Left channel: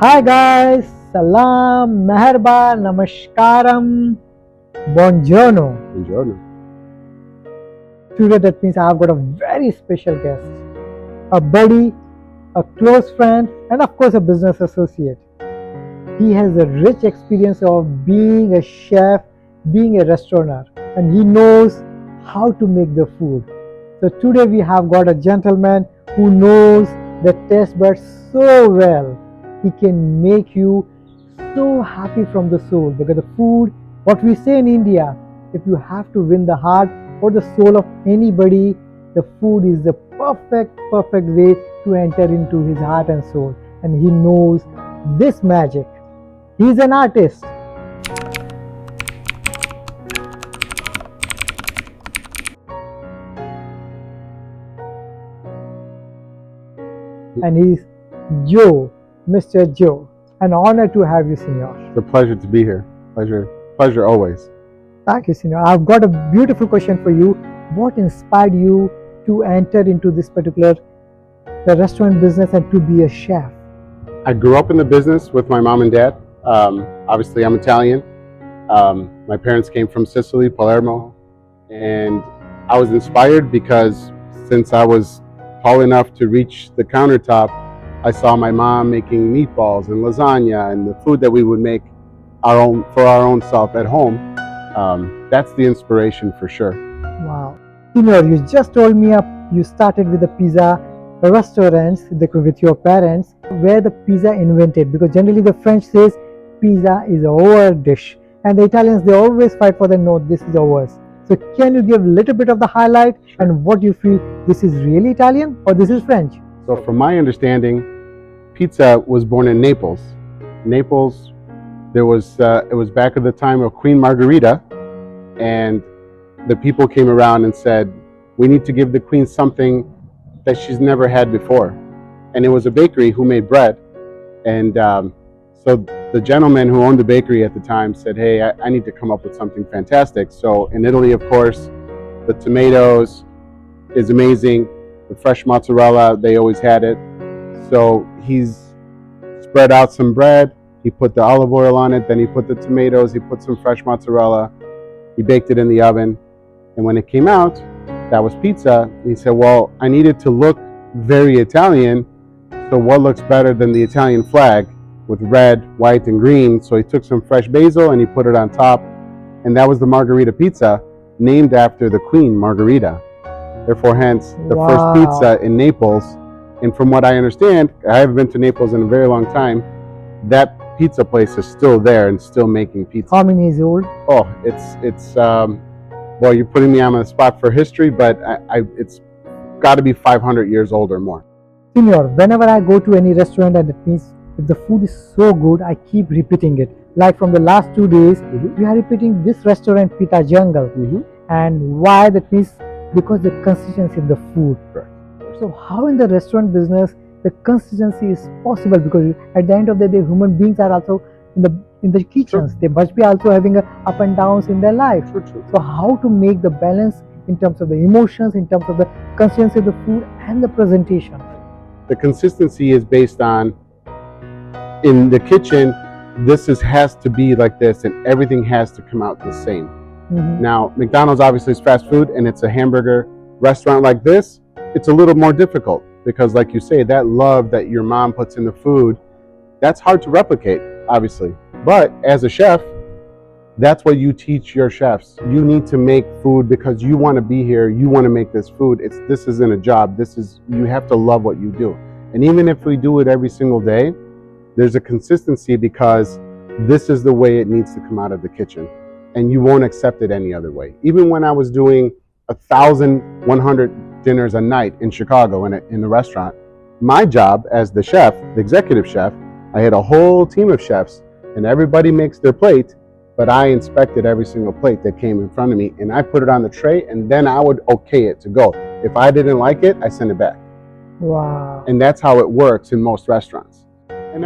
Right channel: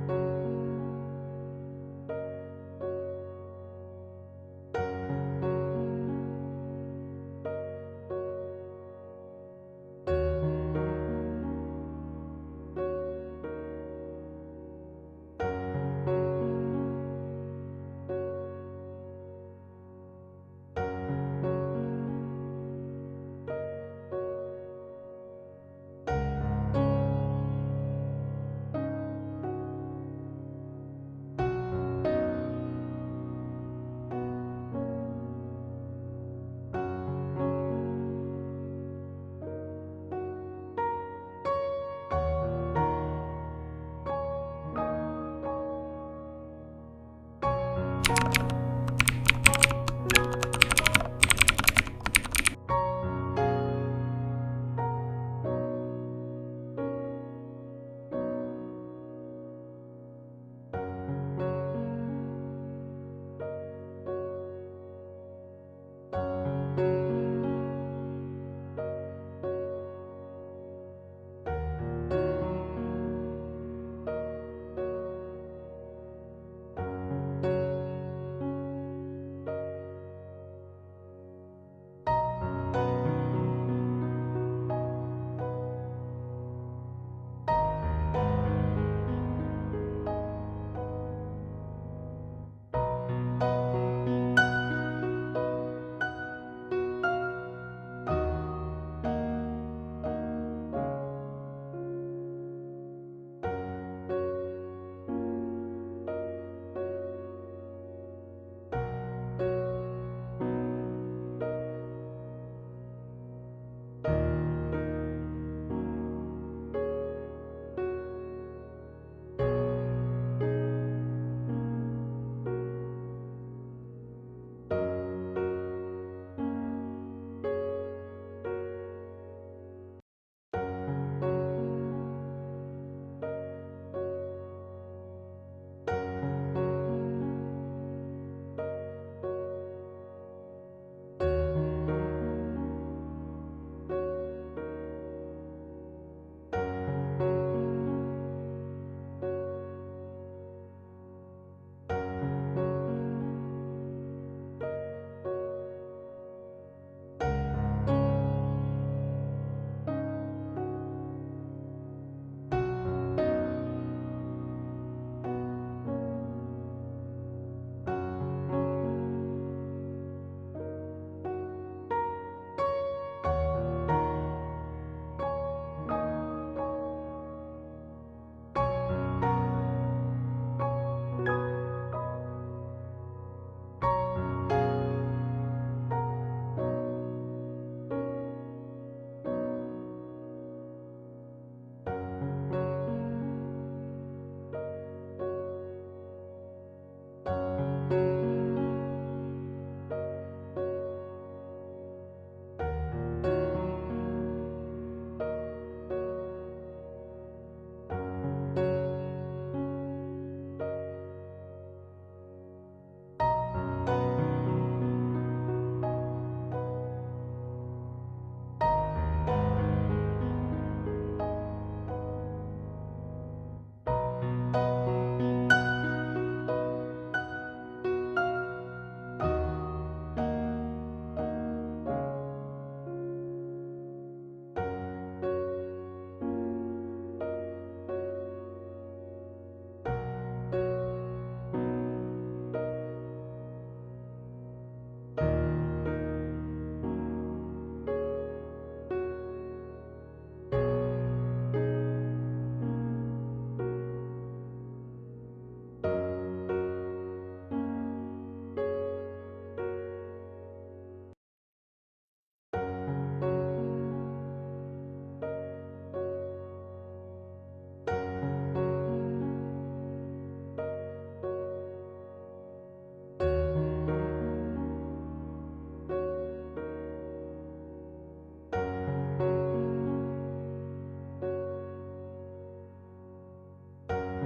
Hi guys, salam, meherba, namaskaram, buongiorno. Buongiorno. Today that means I've got a very special guest, a buddy, a close friend, and of course a business associate. He has a rich experience of being a chef, being a restaurateur, and he knows how to make the food. So today we have got a gentleman who knows the taste buds so well. He can make you so happy from the soul because the food, what we say in India, if you have to win the heart or the soul of anybody, the food is the perfect way to enter into his heart and soul. And he knows this magic. He's an artist. And he's Joe, Mr. Joe. An honor to have you, Senor. It's a pleasure to be here. Pleasure always. Thank you, Senor. I've got a beautiful question for you. What inspired you to enter into this particular the restaurant business and to be a chef? I grew up in the business with my mom and dad. Obviously, I'm Italian. My parents came from Sicily, Palermo, and I was inspired because since I was tall enough to reach the countertop, I saw my mom making meatballs and lasagna and the food that we would make for our own self at home. That's the inspiration for sure. Wow. Senor, you just told me you started with the pizza restaurants with your parents, where the pizza invented, because generally the French says pizza is a over dish, and the Italians they always fight for the no, this is ours. So can you give a little bit of the highlight and what you feel this is really Italian or this is French? So from my understanding, pizza was born in Naples. Naples, it was back at the time of Queen Margherita, and the people came around and said, we need to give the queen something that she's never had before. And it was a bakery who made bread. And so the gentleman who owned the bakery at the time said, hey, I need to come up with something fantastic. So in Italy, of course, the tomatoes is amazing. The fresh mozzarella, they always had it. So he's spread out some bread. He put the olive oil on it. Then he put the tomatoes. He put some fresh mozzarella. He baked it in the oven. And when it came out, that was pizza. He said, well, I need it to look very Italian. So what looks better than the Italian flag with red, white, and green? So he took some fresh basil and he put it on top. And that was the Margherita pizza, named after the Queen Margherita. Therefore, hence, the first pizza in Naples. And from what I understand, I haven't been to Naples in a very long time, that pizza place is still there and still making pizza. How many years old? Oh, it's well, you're putting me on the spot for history, but it's got to be 500 years old or more. Senor, whenever I go to any restaurant and it means if the food is so good, I keep repeating it. Like from the last 2 days, we are repeating this restaurant, Pita Jungle. And why that means? Because the consistency of the food. So how in the restaurant business the consistency is possible? Because at the end of the day, human beings are also in the kitchens. They must be also having a up and downs in their life. So how to make the balance in terms of the emotions, in terms of the consistency of the food and the presentation? The consistency is based on, in the kitchen, has to be like this, and everything has to come out the same. Now, McDonald's obviously is fast food, and it's a hamburger restaurant like this. It's a little more difficult because, like you say, that love that your mom puts in the food, that's hard to replicate, obviously. But as a chef, that's what you teach your chefs. You need to make food because you want to be here. You want to make this food. This isn't a job. You have to love what you do. And even if we do it every single day, there's a consistency because this is the way it needs to come out of the kitchen. And you won't accept it any other way. Even when I was doing 1,100 dinners a night in Chicago in the restaurant, my job as the chef, the executive chef, I had a whole team of chefs, and everybody makes their plate, but I inspected every single plate that came in front of me, and I put it on the tray, and then I would okay it to go. If I didn't like it, I send it back. Wow. And that's how it works in most restaurants. And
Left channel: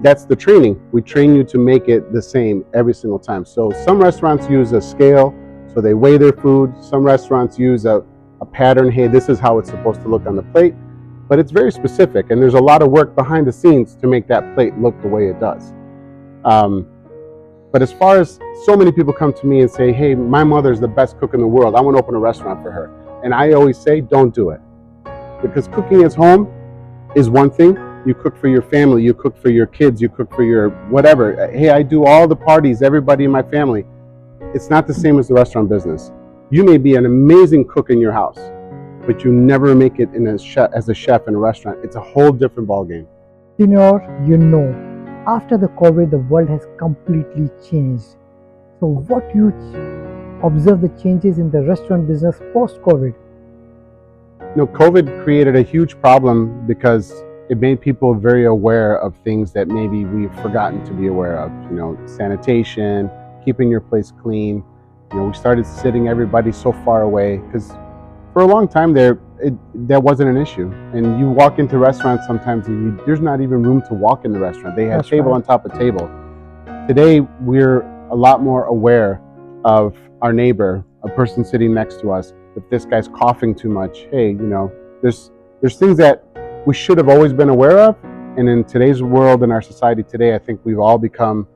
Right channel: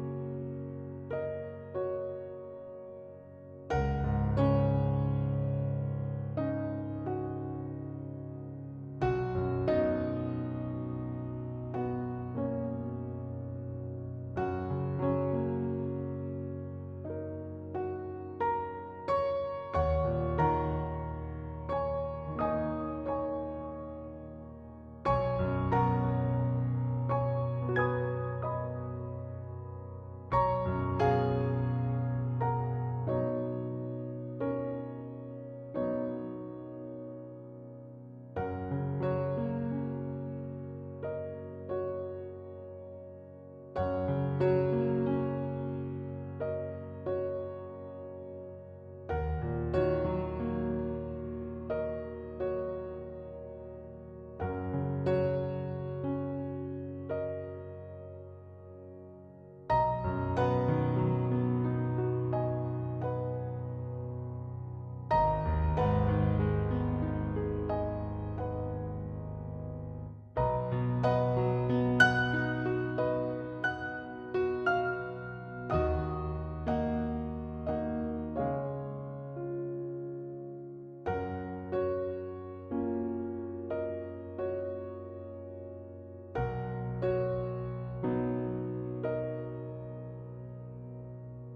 that's the training. We train you to make it the same every single time. So some restaurants use a scale, so they weigh their food. Some restaurants use a pattern. Hey, this is how it's supposed to look on the plate. but it's very specific, and there's a lot of work behind the scenes to make that plate look the way it does. But as far as so many people come to me and say, hey, my mother's the best cook in the world, I want to open a restaurant for her. And I always say, don't do it. Because cooking at home is one thing. You cook for your family, you cook for your kids, you cook for your whatever. Hey, I do all the parties, everybody in my family. It's not the same as the restaurant business. You may be an amazing cook in your house, but you never make it as a chef in a restaurant. It's a whole different ballgame. After the COVID, the world has completely changed. So what you observe the changes in the restaurant business post-COVID? COVID created a huge problem because it made people very aware of things that maybe we've forgotten to be aware of. Sanitation, keeping your place clean. We started sitting everybody so far away because for a long time that wasn't an issue. And you walk into restaurants sometimes and there's not even room to walk in the restaurant. They have table on top of table. Today, we're a lot more aware of our neighbor, a person sitting next to us. If this guy's coughing too much, hey, there's things that we should have always been aware of. And in today's world, in our society today, I think we've all become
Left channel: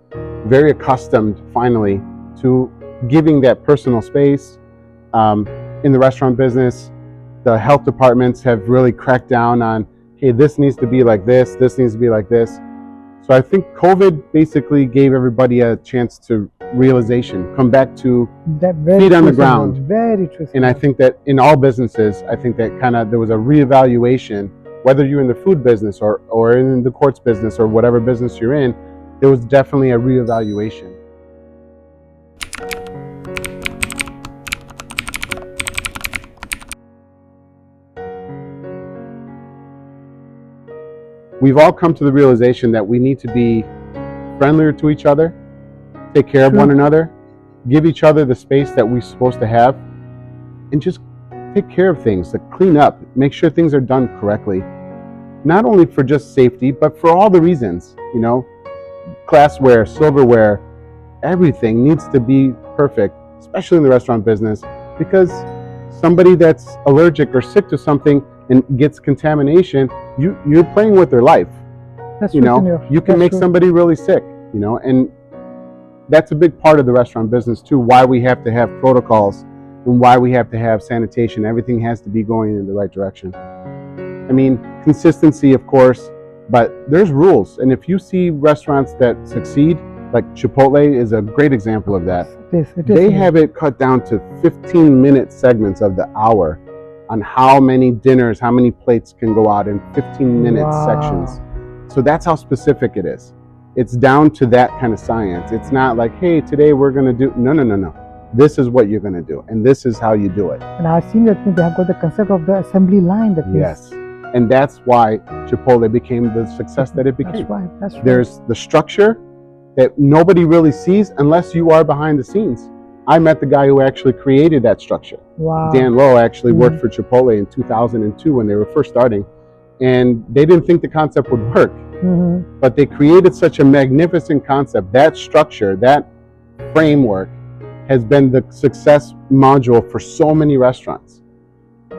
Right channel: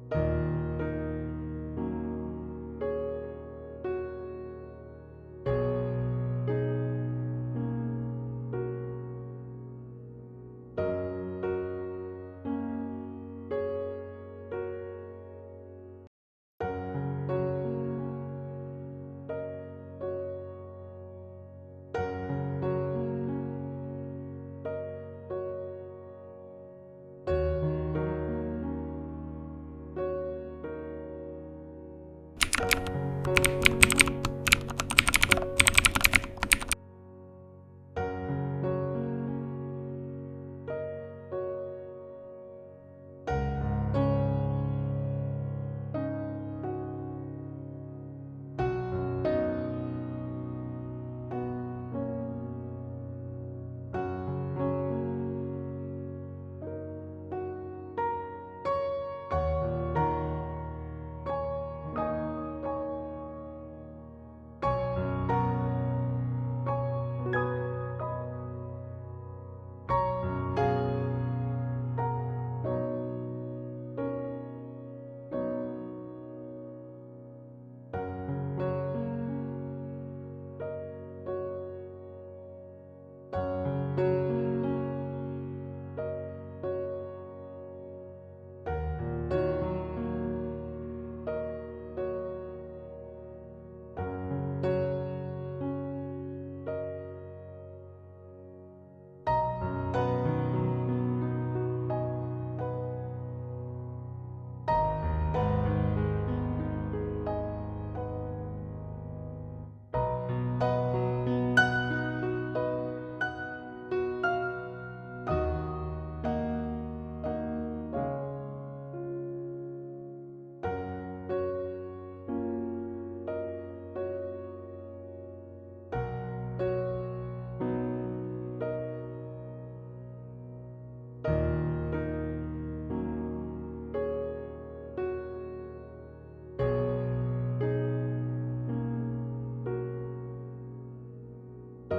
very accustomed, finally, to giving that personal space. In the restaurant business, the health departments have really cracked down on, hey, this needs to be like this needs to be like this. So I think COVID basically gave everybody a chance to realization, come back to feet on the ground. Very true. And I think that in all businesses, I think that there was a reevaluation, whether you're in the food business or in the courts business or whatever business you're in, there was definitely a reevaluation. We've all come to the realization that we need to be friendlier to each other, take care of one another, give each other the space that we're supposed to have, and just take care of things, like clean up, make sure things are done correctly. Not only for just safety, but for all the reasons, glassware, silverware, everything needs to be perfect, especially in the restaurant business, because somebody that's allergic or sick to something and gets contamination, you're playing with their life. You can make somebody really sick, and that's a big part of the restaurant business too, why we have to have protocols and why we have to have sanitation. Everything has to be going in the right direction. Consistency, of course, but there's rules. And if you see restaurants that succeed, like Chipotle is a great example of that. They have it cut down to 15-minute segments of the hour on how many dinners, how many plates can go out in 15-minute sections. So that's how specific it is. It's down to that kind of science. It's not like, hey, today we're going to do, no. This is what you're going to do, and this is how you do it. And I've seen that they have got the concept of the assembly line. Yes, and that's why Chipotle became the success that it became. That's right. There's the structure that nobody really sees unless you are behind the scenes. I met the guy who actually created that structure. Wow. Dan Lowe actually worked for Chipotle in 2002 when they were first starting, and they didn't think the concept would work. But they created such a magnificent concept. That structure, that framework, has been the success module for so many restaurants.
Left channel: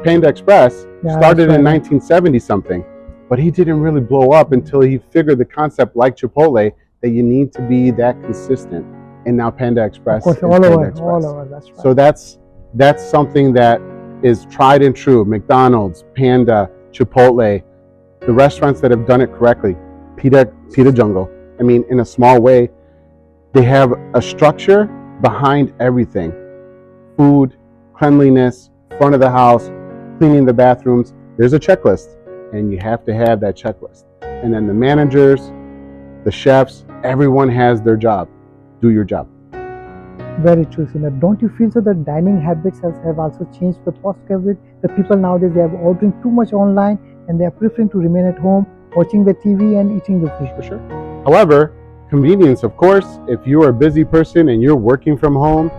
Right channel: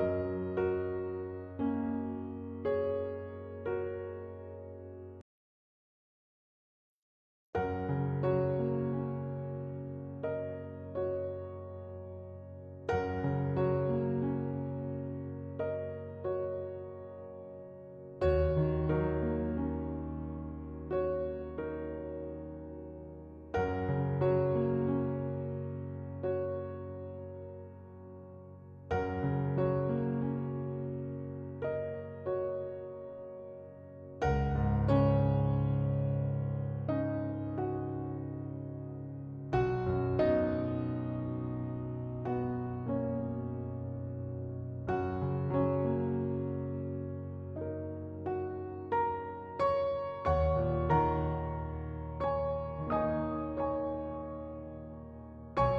Panda Express started in 1970 something, but he didn't really blow up until he figured the concept, like Chipotle, that you need to be that consistent. And now Panda Express is all Panda over, Express. all over, that's right. So that's something that is tried and true. McDonald's, Panda, Chipotle, the restaurants that have done it correctly, Pita Jungle. In a small way, they have a structure behind everything. Food, cleanliness, front of the house, cleaning the bathrooms. There's a checklist, and you have to have that checklist. And then the managers, the chefs, everyone has their job. Do your job. Very true, Sina. Don't you feel so that dining habits have also changed the post-COVID? The people nowadays, they are ordering too much online and they are preferring to remain at home, watching the TV and eating the food. For sure. However, convenience, of course. If you're a busy person and you're working from home,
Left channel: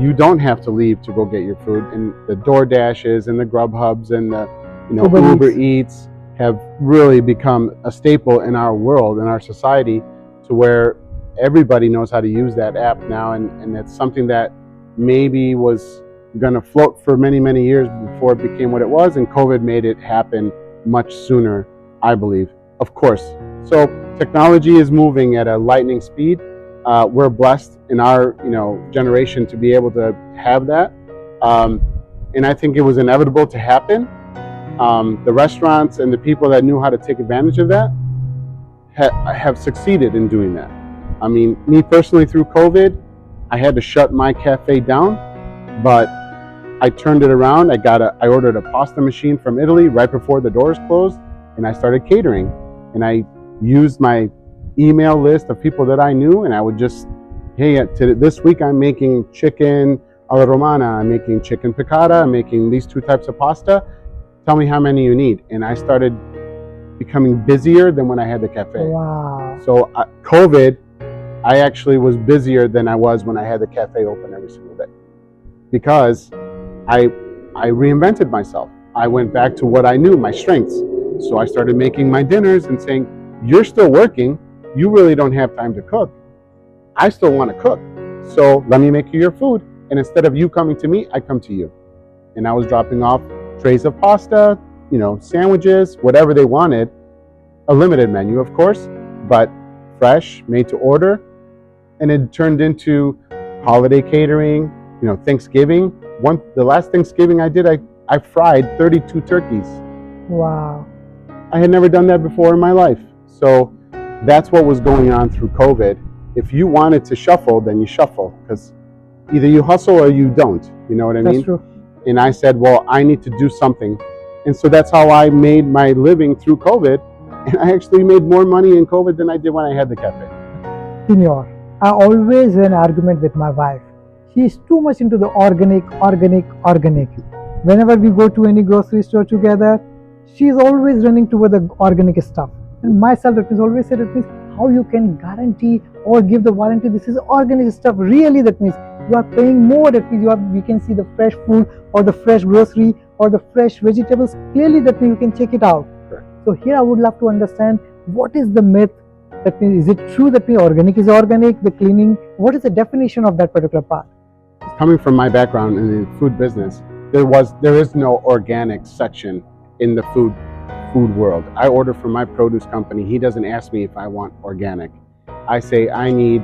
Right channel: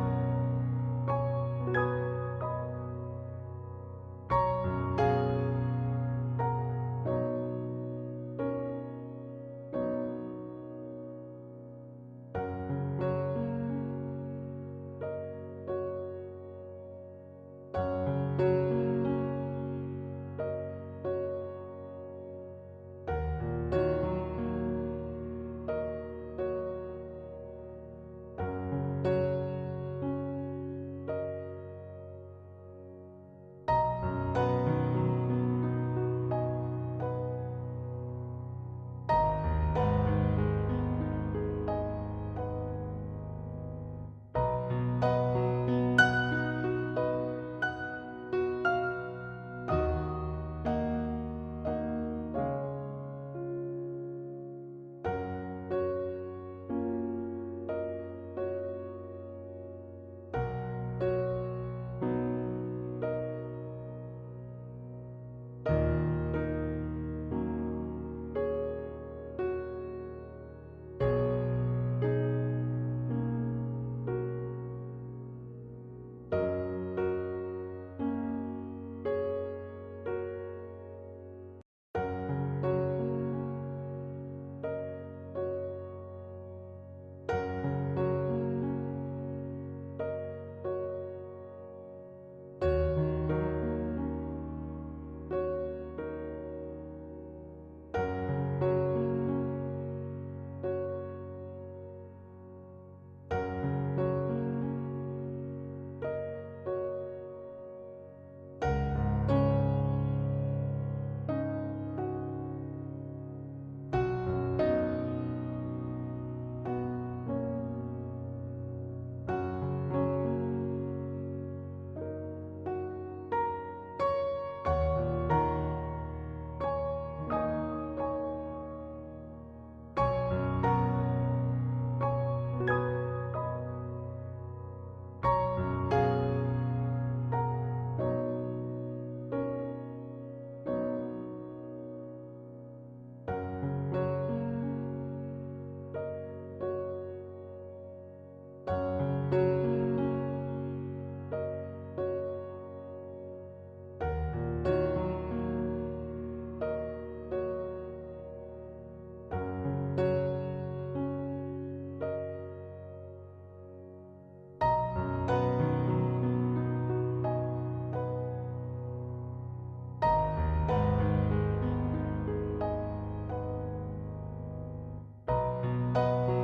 you don't have to leave to go get your food. And the DoorDashes and the Grubhubs and the Uber Eats have really become a staple in our world, in our society, to where everybody knows how to use that app now, and it's something that maybe was going to float for many, many years before it became what it was, and COVID made it happen much sooner, I believe. Of course. So technology is moving at a lightning speed. We're blessed in our generation to be able to have that, and I think it was inevitable to happen. The restaurants and the people that knew how to take advantage of that have succeeded in doing that. I mean, me personally, through COVID, I had to shut my cafe down, but I turned it around. I ordered a pasta machine from Italy right before the doors closed, and I started catering. And I used my email list of people that I knew, and I would just, hey, this week I'm making chicken alla romana, I'm making chicken piccata, I'm making these two types of pasta. Tell me how many you need. And I started becoming busier than when I had the cafe. Wow. So COVID, I actually was busier than I was when I had the cafe open every single day, because I reinvented myself. I went back to what I knew, my strengths. So I started making my dinners and saying, you're still working, you really don't have time to cook. I still want to cook. So let me make you your food. And instead of you coming to me, I come to you. And I was dropping off trays of pasta, sandwiches, whatever they wanted. A limited menu, of course, but fresh, made to order. And it turned into holiday catering, Thanksgiving. The last Thanksgiving I did, I fried 32 turkeys. Wow. I had never done that before in my life. So that's what was going on through COVID. If you wanted to shuffle, then you shuffle, because either you hustle or you don't. You know what I mean? That's true. And I said, well, I need to do something. And so that's how I made my living through COVID. And I actually made more money in COVID than I did when I had the cafe. Senior, I always have an argument with my wife. She is too much into the organic. Whenever we go to any grocery store together, she is always running toward the organic stuff. And myself, that means always said, that means how you can guarantee or give the warranty this is organic stuff. Really, that means you are paying more. That means we can see the fresh food or the fresh grocery or the fresh vegetables. Clearly, that means you can check it out. Correct. So here I would love to understand, what is the myth? That means, is it true that organic is organic, the cleaning? What is the definition of that particular part? Coming from my background in the food business, there is no organic section in the food world. I order from my produce company. He doesn't ask me if I want organic. I say I need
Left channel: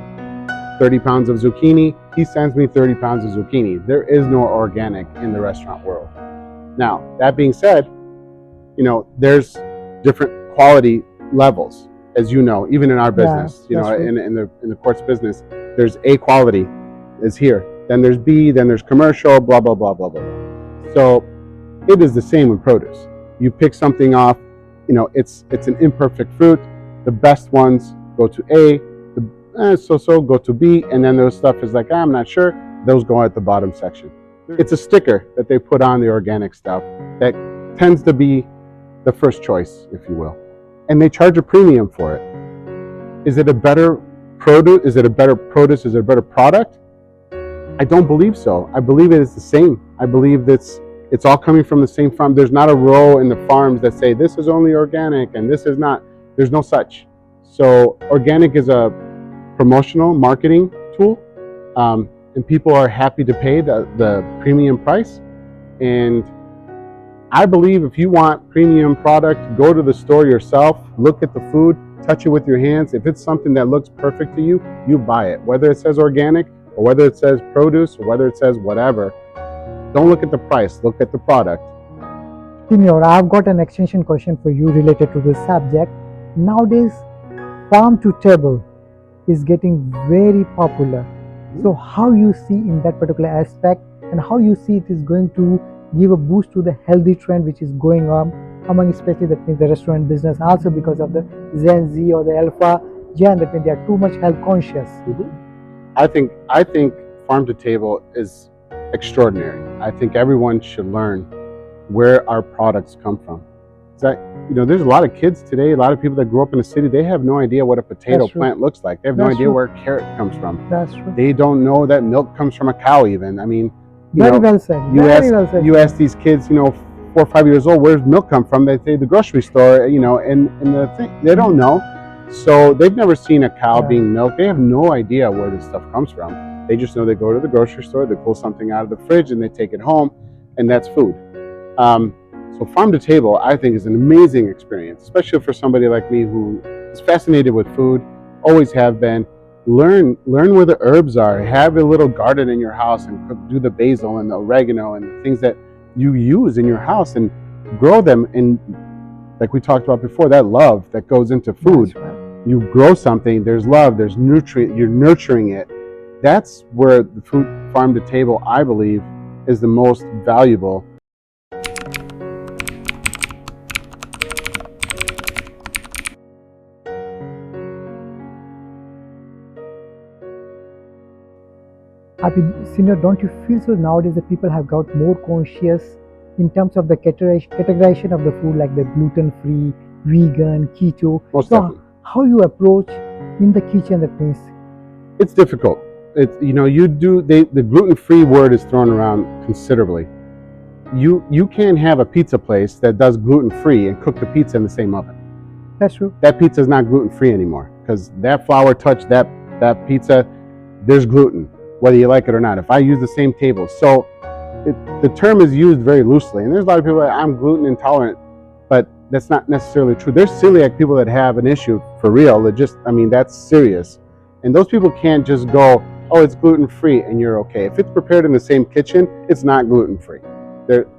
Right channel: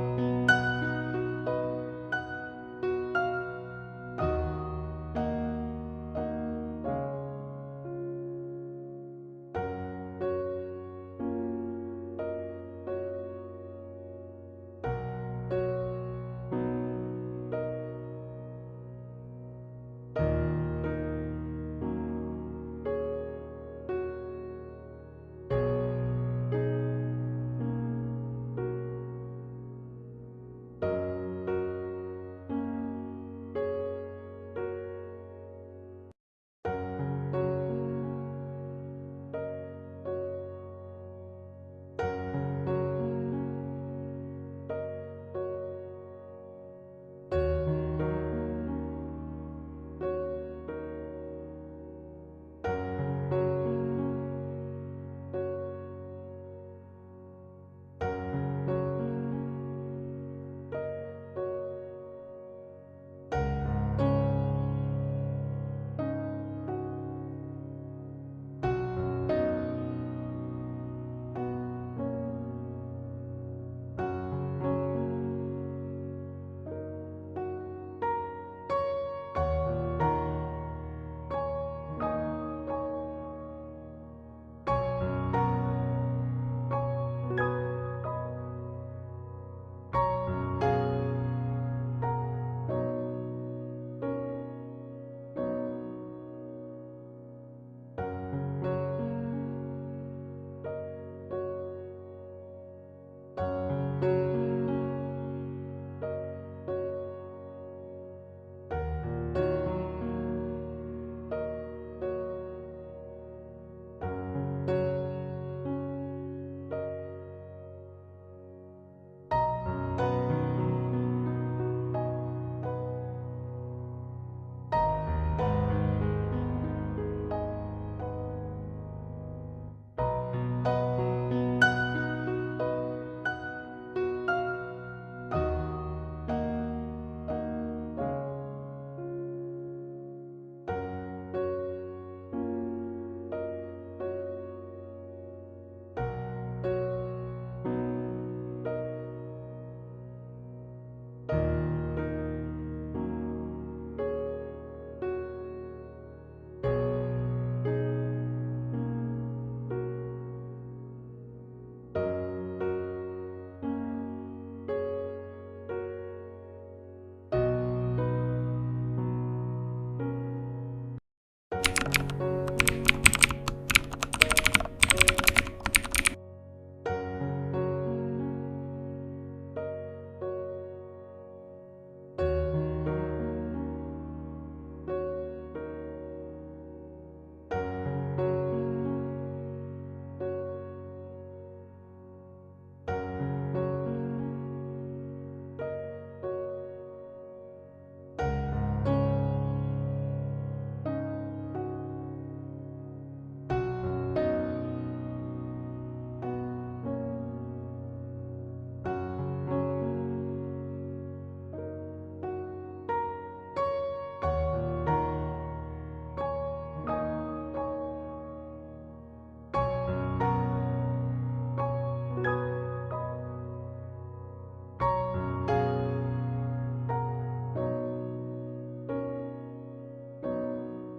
30 pounds of zucchini. He sends me 30 pounds of zucchini. There is no organic in the restaurant world. Now, that being said, there's different quality levels, as you know, even in our business. In the quartz business, there's A quality is here. Then there's B, then there's commercial, blah, blah, blah, blah, blah. So it is the same with produce. You pick something off, it's an imperfect fruit. The best ones go to A, the go to B, and then those stuff is like, I'm not sure. Those go at the bottom section. It's a sticker that they put on the organic stuff that tends to be the first choice, if you will. And they charge a premium for it. Is it a better produce? Is it a better produce? Is it a better product? I don't believe so. I believe it is the same. I believe that it's all coming from the same farm. There's not a row in the farms that say this is only organic and this is not. There's no such. So organic is a promotional marketing tool, and people are happy to pay the premium price. And I believe if you want premium product, go to the store yourself, look at the food, touch it with your hands. If it's something that looks perfect to you, you buy it. Whether it says organic or whether it says produce or whether it says whatever, don't look at the price, look at the product. Senior, I've got an extension question for you related to this subject. Nowadays, farm to table is getting very popular. So how you see in that particular aspect, and how you see it is going to give a boost to the healthy trend which is going on among, especially that means the restaurant business, also because of the Gen Z or the Alpha Gen, that means they are too much health conscious. I think farm to table is extraordinary. I think everyone should learn where our products come from. There's a lot of kids today, a lot of people that grew up in the city, they have no idea what a potato plant looks like. They have no idea where carrot comes from. That's true. They don't know that milk comes from a cow even. I mean, Very well said. You ask these kids, 4 or 5 years old, where's milk come from? They say the grocery store, and the thing, they don't know. So they've never seen a cow being milked. They have no idea where this stuff comes from. They just know they go to the grocery store, they pull something out of the fridge and they take it home, and that's food. So farm to table, I think, is an amazing experience, especially for somebody like me who is fascinated with food, always have been. Learn where the herbs are. Have a little garden in your house and do the basil and the oregano and the things that you use in your house and grow them. And like we talked about before, that love that goes into food. You grow something, there's love, there's nutrient, you're nurturing it. That's where the food farm to table, I believe, is the most valuable. Happy Senior, don't you feel so nowadays that people have got more conscious in terms of the categorization of the food, like the gluten-free, vegan, keto? Most So definitely. how you approach in the kitchen, that means? It's difficult. It's, the gluten-free word is thrown around considerably. You can't have a pizza place that does gluten-free and cook the pizza in the same oven. That's true. That pizza is not gluten-free anymore because that flour touched that pizza, there's gluten, whether you like it or not. If I use the same table. So the term is used very loosely. And there's a lot of people that I'm gluten intolerant, but that's not necessarily true. There's celiac people that have an issue for real. That's serious. And those people can't just go, oh, it's gluten-free and you're okay. If it's prepared in the same kitchen, it's not gluten-free.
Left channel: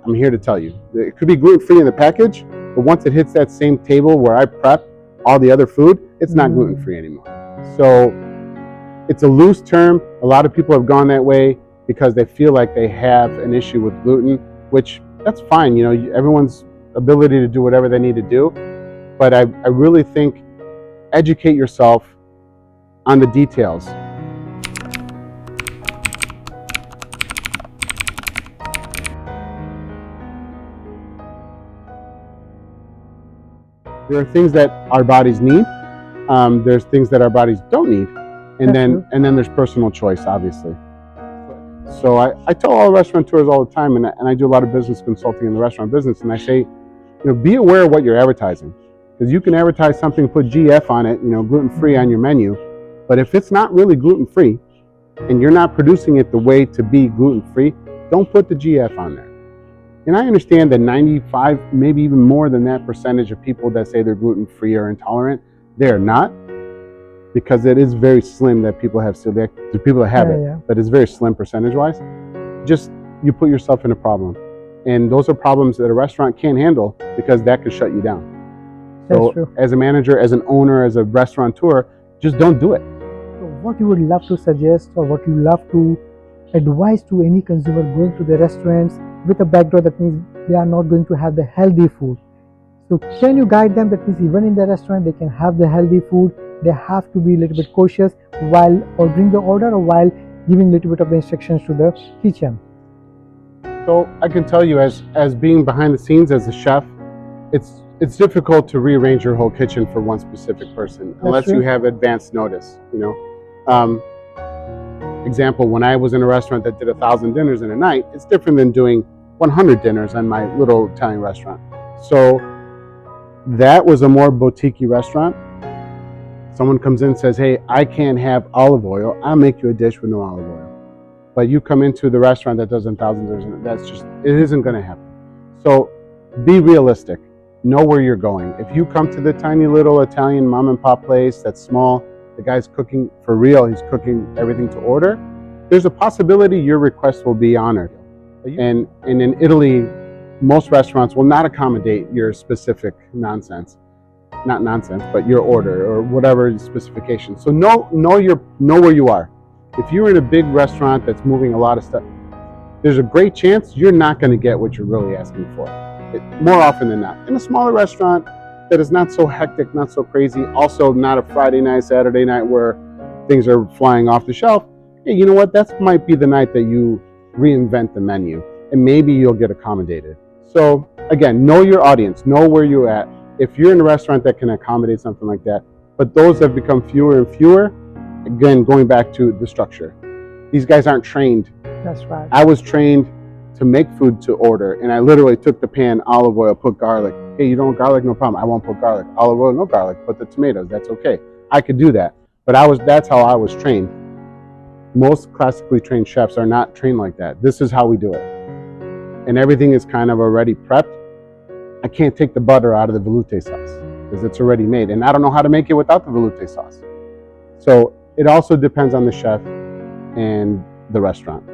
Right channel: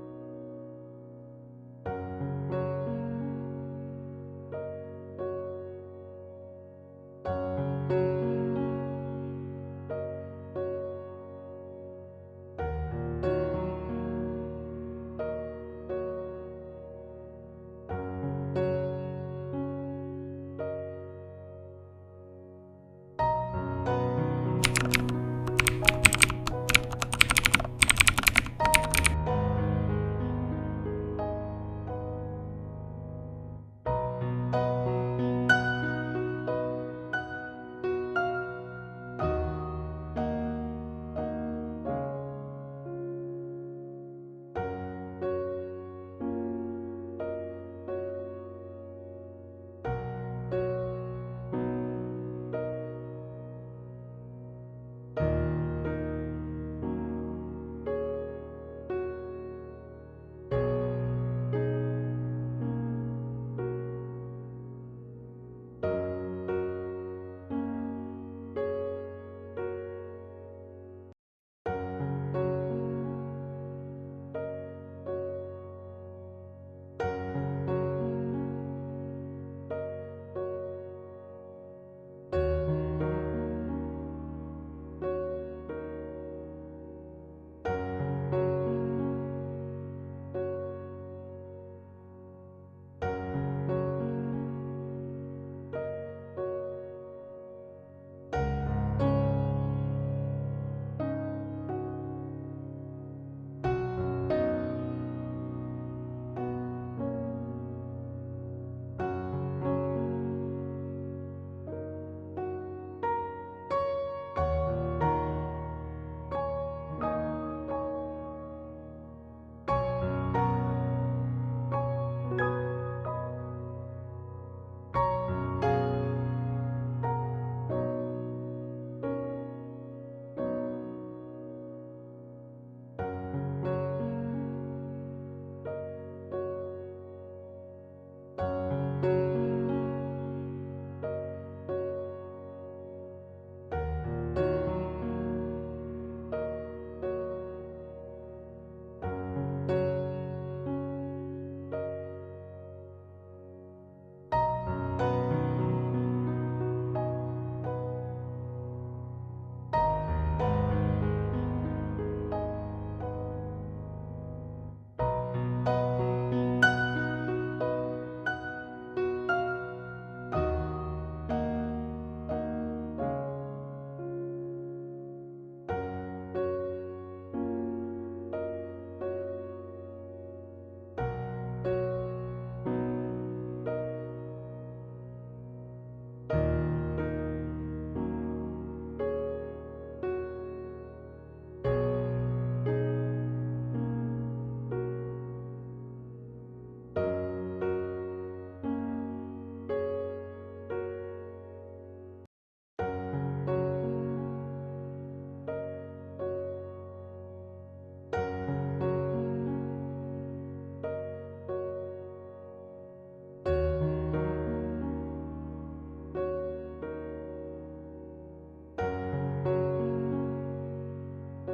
I'm here to tell you. It could be gluten-free in the package, but once it hits that same table where I prep all the other food, it's not gluten-free anymore. So it's a loose term. A lot of people have gone that way because they feel like they have an issue with gluten, which that's fine. Everyone's ability to do whatever they need to do. But I really think educate yourself on the details. There are things that our bodies need. There's things that our bodies don't need. And then there's personal choice, obviously. So I tell all restaurateurs all the time, and I do a lot of business consulting in the restaurant business, and I say, be aware of what you're advertising. Because you can advertise something, put GF on it, gluten-free on your menu, but if it's not really gluten-free, and you're not producing it the way to be gluten-free, don't put the GF on there. And I understand that 95, maybe even more than that percentage of people that say they're gluten-free or intolerant, they're not. Because it is very slim that people have celiac. There's people that have it, but it's very slim percentage-wise. Just, you put yourself in a problem. And those are problems that a restaurant can't handle because that could shut you down. So as a manager, as an owner, as a restaurateur, just don't do it. What you would love to suggest, or what you love to advise to any consumer going to the restaurants with a background that means they are not going to have the healthy food? So can you guide them that means even in the restaurant they can have the healthy food? They have to be a little bit cautious while ordering the order or while giving a little bit of the instructions to the kitchen. So I can tell you, as being behind the scenes as a chef, it's difficult to rearrange your whole kitchen for one specific person unless you have advance notice. Example, when I was in a restaurant that did 1,000 dinners in a night, it's different than doing 100 dinners on my little Italian restaurant. So that was a more boutique-y restaurant. Someone comes in and says, hey, I can't have olive oil. I'll make you a dish with no olive oil. But you come into the restaurant that does 1,000 dinners, it isn't going to happen. So be realistic. Know where you're going. If you come to the tiny little Italian mom and pop place that's small, the guy's cooking for real, he's cooking everything to order, there's a possibility your request will be honored. And in Italy, most restaurants will not accommodate your specific nonsense. Not nonsense, but your order or whatever specification. So know where you are. If you're in a big restaurant that's moving a lot of stuff, there's a great chance you're not going to get what you're really asking for. More often than not. In a smaller restaurant that is not so hectic, not so crazy, also not a Friday night, Saturday night where things are flying off the shelf, hey, you know what? That might be the night that you reinvent the menu and maybe you'll get accommodated. So again, know your audience, know where you're at. If you're in a restaurant that can accommodate something like that, but those have become fewer and fewer, again, going back to the structure. These guys aren't trained. That's right. I was trained to make food to order, and I literally took the pan, olive oil, put garlic. Hey, you don't want garlic? No problem. I won't put garlic. Olive oil, no garlic. Put the tomatoes. That's okay. I could do that, but that's how I was trained. Most classically trained chefs are not trained like that. This is how we do it, and everything is kind of already prepped. I can't take the butter out of the velouté sauce because it's already made, and I don't know how to make it without the velouté sauce. So it also depends on the chef and the restaurant.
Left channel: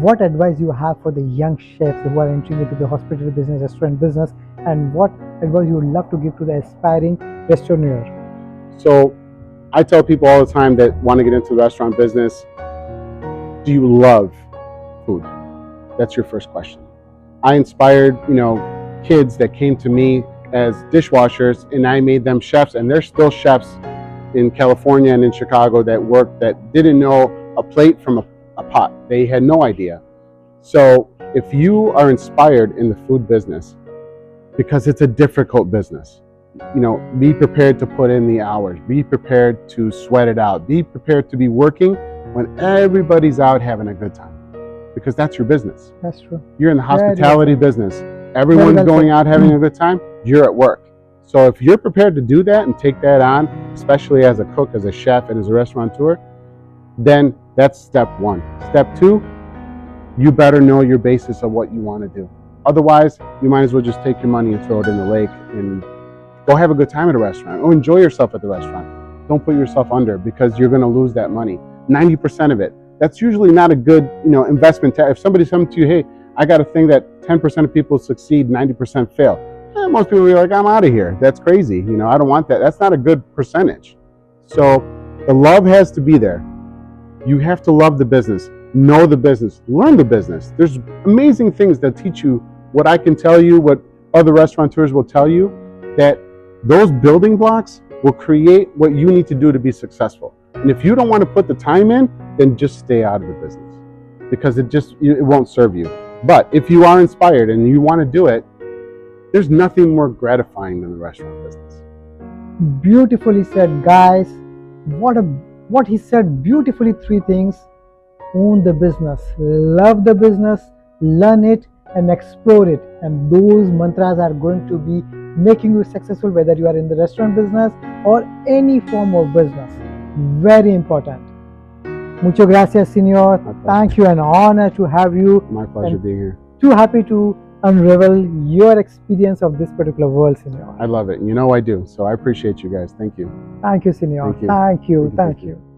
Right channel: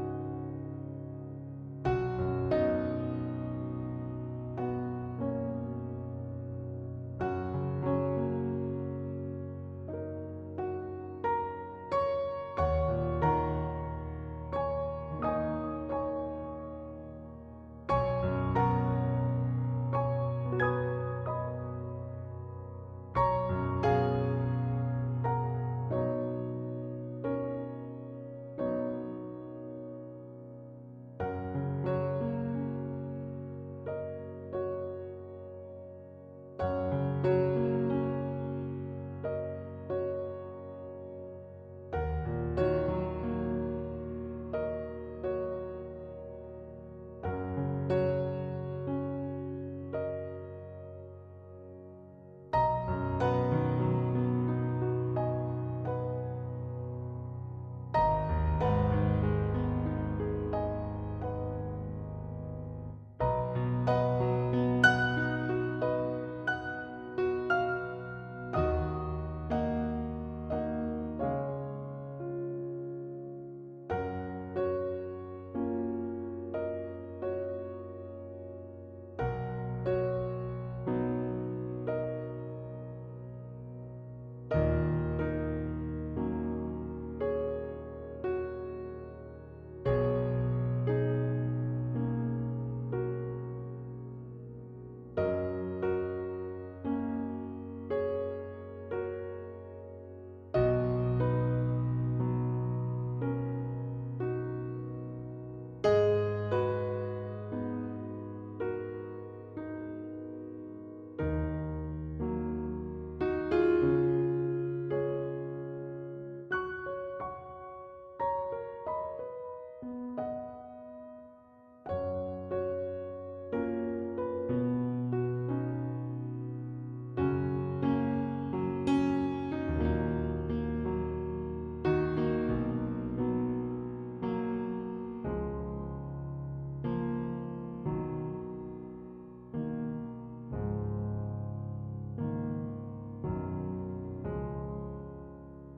What advice you have for the young chefs who are entering into the hospitality business, restaurant business, and what advice you would love to give to the aspiring restaurateur? So I tell people all the time that want to get into the restaurant business, do you love food? That's your first question. I inspired, kids that came to me as dishwashers, and I made them chefs, and they're still chefs in California and in Chicago that didn't know a plate from a pot. They had no idea. So if you are inspired in the food business, because it's a difficult business, be prepared to put in the hours, be prepared to sweat it out, be prepared to be working when everybody's out having a good time, because that's your business. That's true. You're in the hospitality business. Very Everyone's well going said. out having a good time. You're at work. So if you're prepared to do that and take that on, especially as a cook, as a chef, and as a restaurateur, then that's step one. Step two, you better know your basis of what you want to do. Otherwise, you might as well just take your money and throw it in the lake and go have a good time at a restaurant or enjoy yourself at the restaurant. Don't put yourself under, because you're going to lose that money. 90% of it. That's usually not a good, investment. If somebody's coming to you, hey, I got a thing that 10% of people succeed, 90% fail. Most people are like, I'm out of here. That's crazy. I don't want that. That's not a good percentage. So the love has to be there. You have to love the business, know the business, learn the business. There's amazing things that teach you what I can tell you, what other restaurateurs will tell you, that those building blocks will create what you need to do to be successful. And if you don't want to put the time in, then just stay out of the business, because it won't serve you. But if you are inspired and you want to do it, there's nothing more gratifying than the restaurant business. Beautifully said, guys. What he said beautifully, 3 things: own the business, love the business, learn it, and explore it. And those mantras are going to be making you successful, whether you are in the restaurant business or any form of business. Very important. Muchas gracias, Senor. Thank you, an honor to have you. My pleasure being here. Too happy to unravel your experience of this particular world, Senor. I love it. I do. So I appreciate you guys. Thank you. Thank you, Senor. Thank you. Thank you. Thank you. Thank you.